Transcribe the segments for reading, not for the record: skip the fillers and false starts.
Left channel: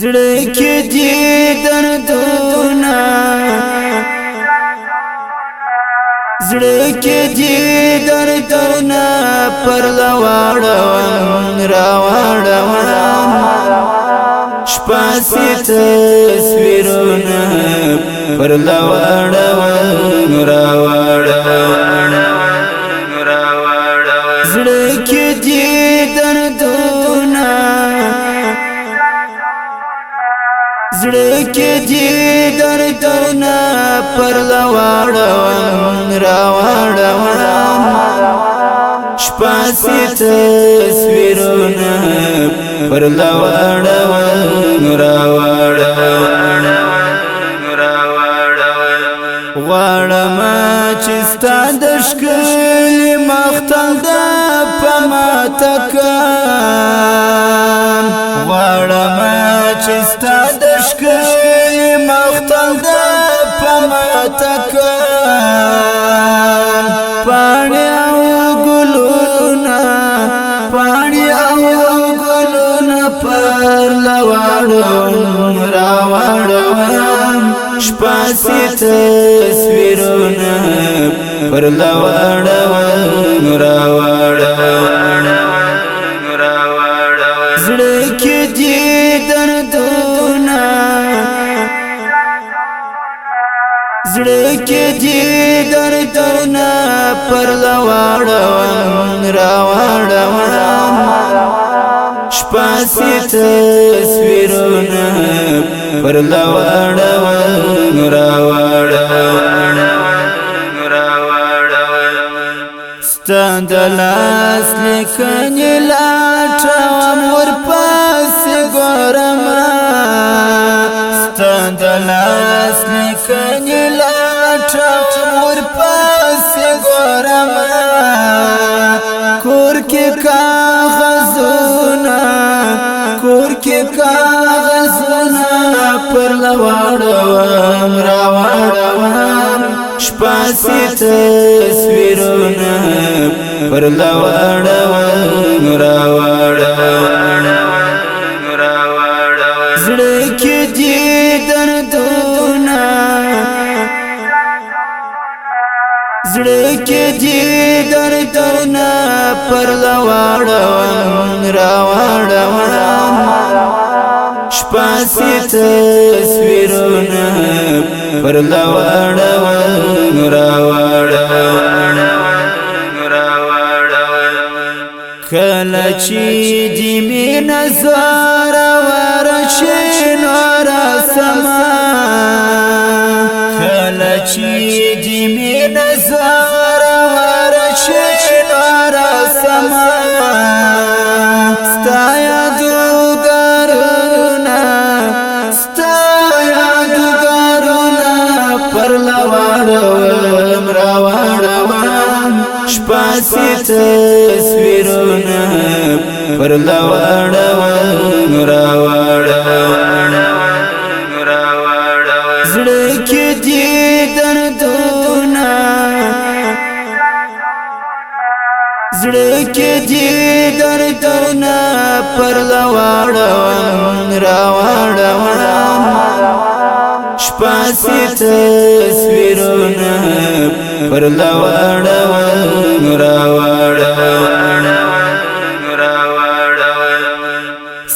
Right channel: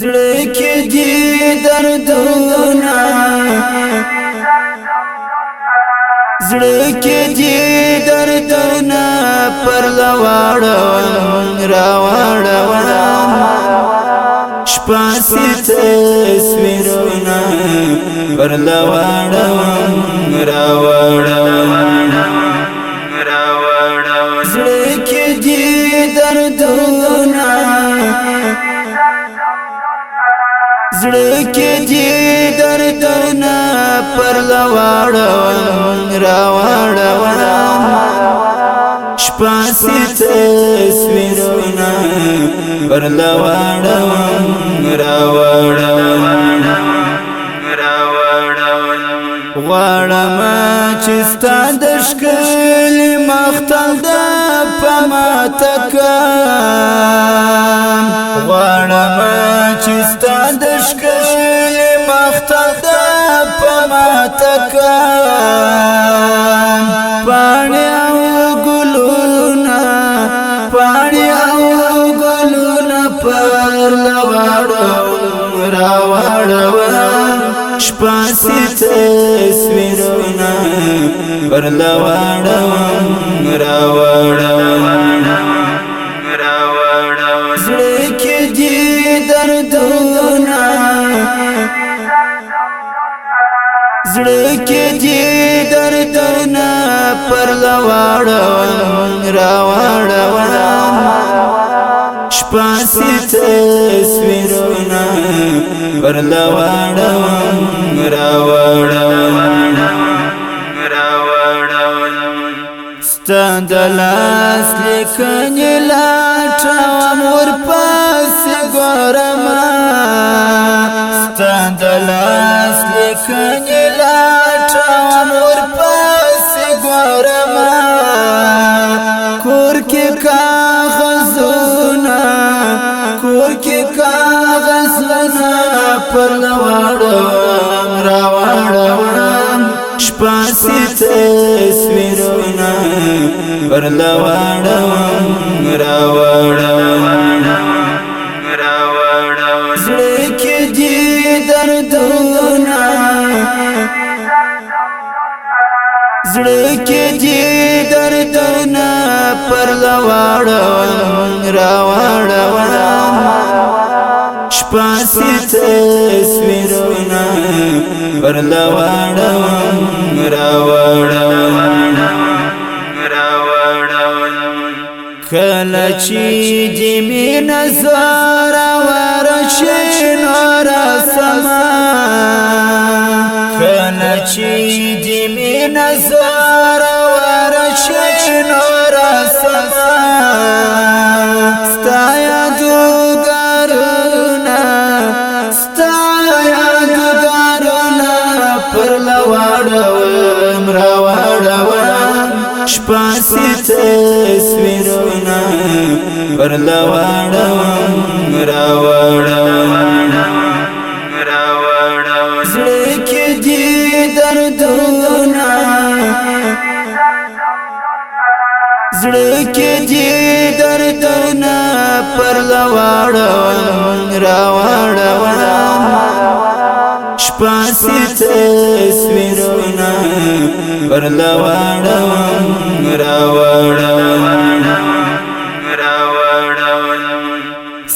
زړه کې دي دردونه زړه کې دي دردونه پر لواړم راوړم شپه سي تصویرونه پر لواړم راوړم زړه کې دي دردونه زړه کې دي دردونه پر لواړم راوړم شپه سي تصویرونه پر لواړم راوړم غواړم چې ستا د ښکلي مختل د په ماته کړم غواړم چې ستا د ښکلي مختل د په ماته کړم پاڼې او ګلونه پاڼې او ګلونه پر لواړم راوړم شپه سي تصویرونه پر لواړم راوړم زړه کې دي دردونه زړه کې دي دردونه پر لواړم راوړم شپه سي تصویرونه پر لواړم راوړم ستا د لاس لیکنې لټوم ورپسې ګورم ستا د لاس لیکنې لټوم ورپسې ګورم کور کې کاغذونه کور کې کاغذونه پر لواړم راوړم شپه سي تصویرونه پر لواړم راوړم زړه کې دي دردونه زړه کې دي دردونه پر لواړم راوړم شپه سي تصویرونه پر لواړم راوړم کله چې دې مینه زوره ورشي نور سما کله چې دې مینه زوره ورشي نور سما ستا یادګارونه ستا یادګارونه پر لواړم راوړم شپه سي تصویرونه پر لواړم راوړم زړه کې دي دردونه زړه کې دي دردونه پر لواړم راوړم شپه سي تصویرونه پر لواړم راوړم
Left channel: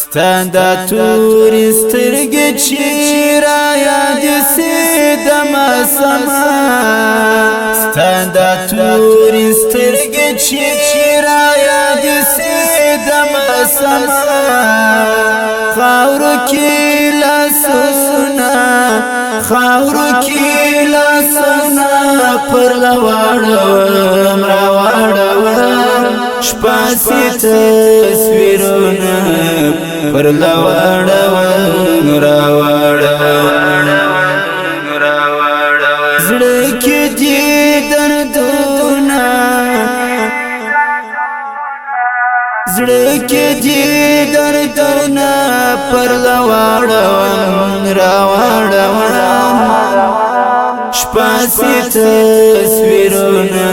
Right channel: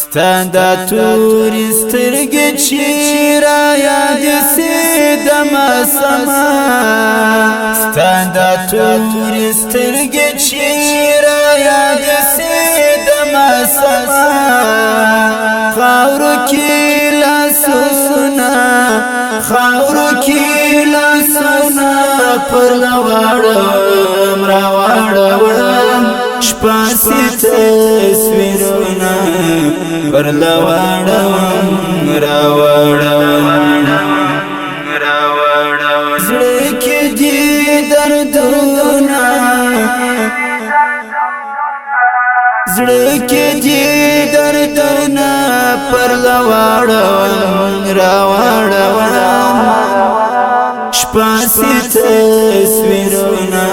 ستا د تورې سترګې چې را یادې سي دمه سما ستا د تورې سترګې چې را یادې سي دمه سما خاورو کې لاسونه خاورو کې لاسونه پر لواړم راوړم شپه سي تصویرونه پر لواړم راوړم زړه کې دي دردونه زړه کې دي دردونه پر لواړم راوړم شپه سي تصویرونه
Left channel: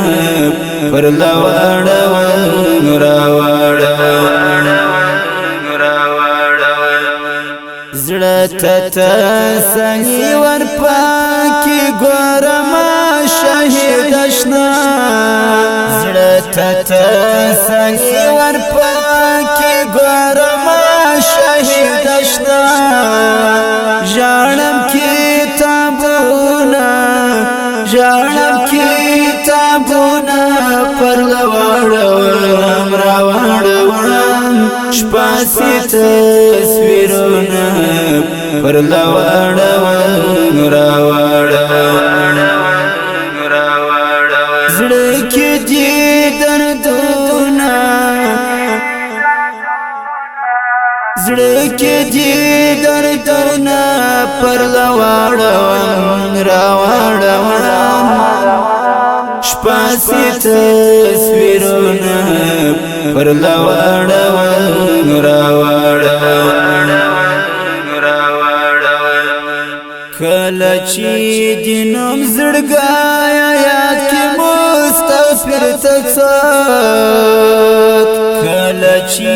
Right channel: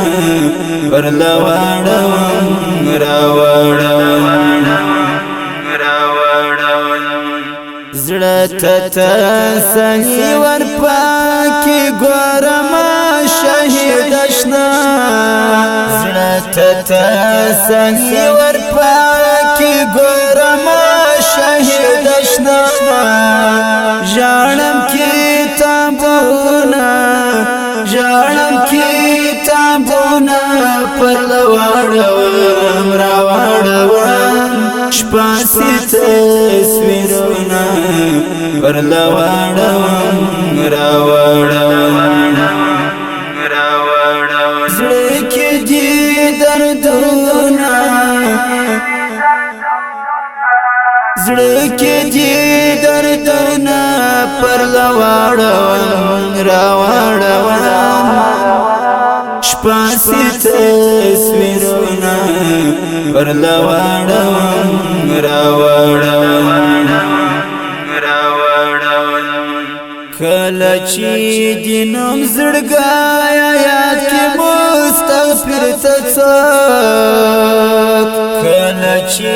پر لواړم راوړم زړه ته تسلي ورپکې ګورم شهید اشنا زړه ته تسلي ورپکې ګورم شهید اشنا ژاړم کتابونه پر لواړوم راواړوم شپاسي تصویرونه پر لواړوم راواړوم زړه کې دي دردونه زړه کې دي دردونه پر لواړوم راواړوم شپاسي تصویرونه پر لواړوم راواړوم کله چې د نوم زړګایا یاد کې مستغفر ته څوک کله چې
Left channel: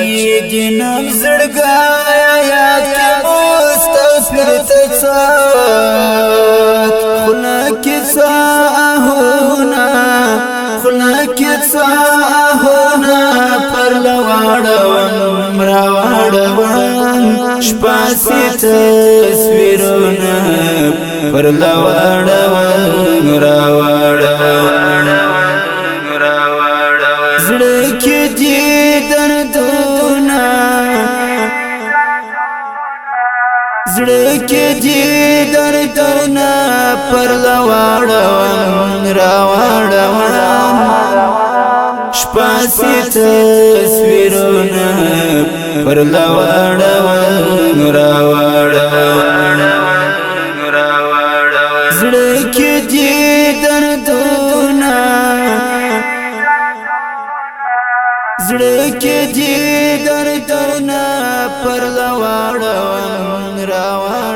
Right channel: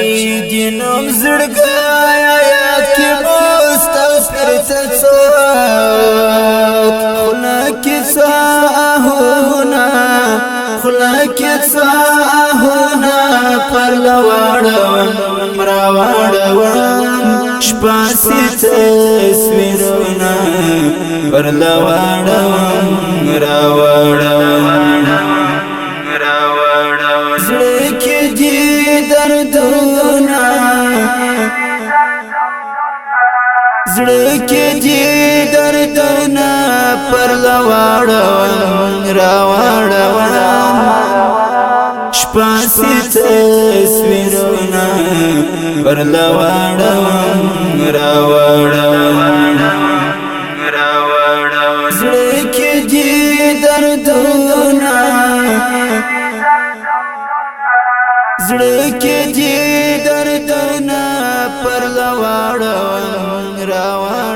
د نوم زړګایا یاد کې مستغفر ته څوک خوله کې ساهونه پر لواړوم راواړوم شپاسي تصویرونه پر لواړوم راواړوم زړه کې دي دردونه زړه کې دي دردونه پر لواړوم راواړوم شپاسي تصویرونه پر لواړوم راواړوم زړه کې دي دردونه زړه کې دي دردونه پر لواړوم راواړوم